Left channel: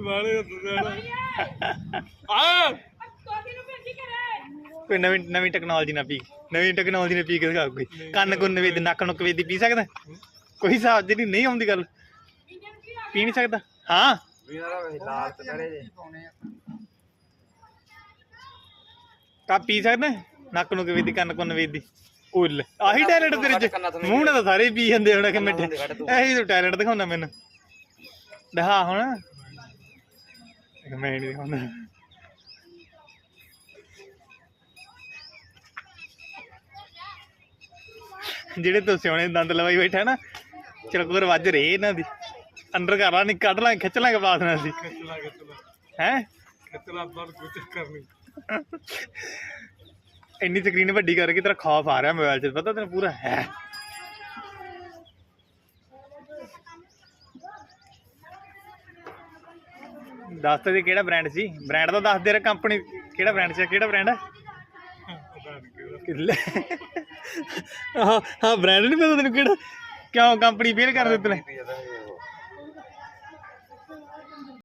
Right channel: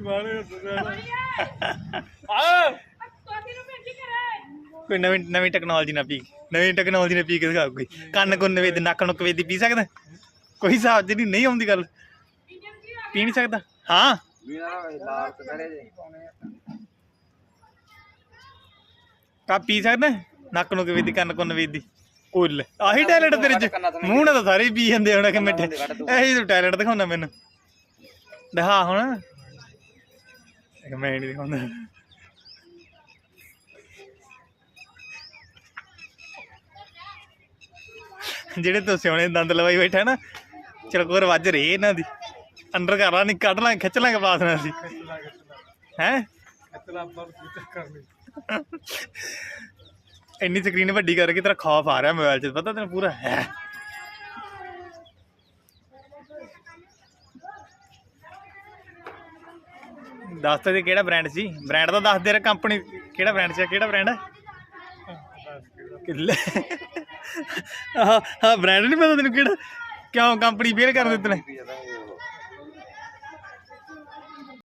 ਵਾਲੇ ਹੱਸਦਾ ਆ। ਕੋਈ ਨਵੀਂ ਨਵੀਂ ਟੈਕਨੋਲੋਜੀ ਨਾ ਪੀ। ਨਵੀਂ ਟੈਕਨੋਲੋਜੀ ਨੇ ਪੀ ਕੇ ਦਿਖਾ ਕੋਈ। ਕੰਨ ਕੁੰਨ ਵੇਦ ਨੱਕ ਨੁੱਕ ਵੇਦੀ ਪੀ ਸਕਦਾ? ਕੋਈ ਹਿਸਾਬ ਜਿਹੜੀ ਨਹੀਂ ਆਉਂਦੀ ਗੱਲ। ਪੀ ਨਹੀਂ ਸਕਦਾ? ਹਾਂ। ਲਾਲ ਤੇ ਖੜੇ ਜੇ। ਕਾ ਪੀ ਸਕਦਾ ਨੱਕ ਨੁੱਕ ਵੇਦੀ ਕੰਨ ਕੁੰਨ ਵੇਦੀ ਉੱਲ ਆਹੀ ਟੈਲੈਂਟ ਤੇਰੇ ਚ। ਮੂੰਹ ਨਾਲ ਤਾਂ ਸਾਰੇ ਪੀ ਜਾਂਦੇ ਹੋਣਾ ਕਿ ਮਿੱਠੇ। ਇਹੀ ਤੂੰ ਟੈਲੈਂਟ ਦਿਖਾਉਣਾ ਮੈਨੂੰ। ਦਿਖਾ ਹੁਣ। ਇੱਕ ਮੈਂ ਨਹੀਂ ਦਿਖਾਉਂਦਾ। ਜਿਹੜੇ ਤੂੰ ਸਿਆਣੇ ਦੰਦ ਲਵਾਈ ਬੈਠਾ ਨਾ ਚਰਕੋਰ ਵੱਜ ਰਹੇ ਇਹਨਾਂ ਦੀ। ਅੰਦਰ ਕਰ ਲਾ ਨਹੀਂ ਕੱਢ ਲਾਂ ਖਿੱਚ ਲਾਂਗੇ ਬਾਸ ਨਾਲ ਖਿੱਚਲਾ ਹੈ? ਪਰ ਇੰਨੀ ਸਕਰੀਨ ਵੱਡੀ ਕਰਕੇ ਤੇਰਾ ਖੌਫ ਆ ਰਿਹਾ ਮੋਬਾਈਲ 'ਚ ਪਤਾ ਤੈਨੂੰ ਪੂਰਾ ਹੈ। ਦੱਸ ਤੇ ਕਿਹੜਾ ਬ੍ਰਾਂਡ ਸੀ? ਬ੍ਰਾਂਡ ਦਾ ਦੱਸ ਦੇ ਰ ਕੰਪਨੀ ਕਿਹੜਾ ਬ੍ਰਾਂਡ ਸੀ ਕਿਹੜਾ ਬ੍ਰਾਂਡ ਹੈ। ਕਿੱਲੇ। ਆਹ ਹਾਂ ਬ੍ਰਾਂਡ ਨਹੀਂ ਪਤਾ ਤੈਨੂੰ ਕਿਹੜਾ। ਕਿਉਂ ਕੰਪਨੀ ਫੇਲ ਕਰ ਦਿੱਤੇ ਨੇ?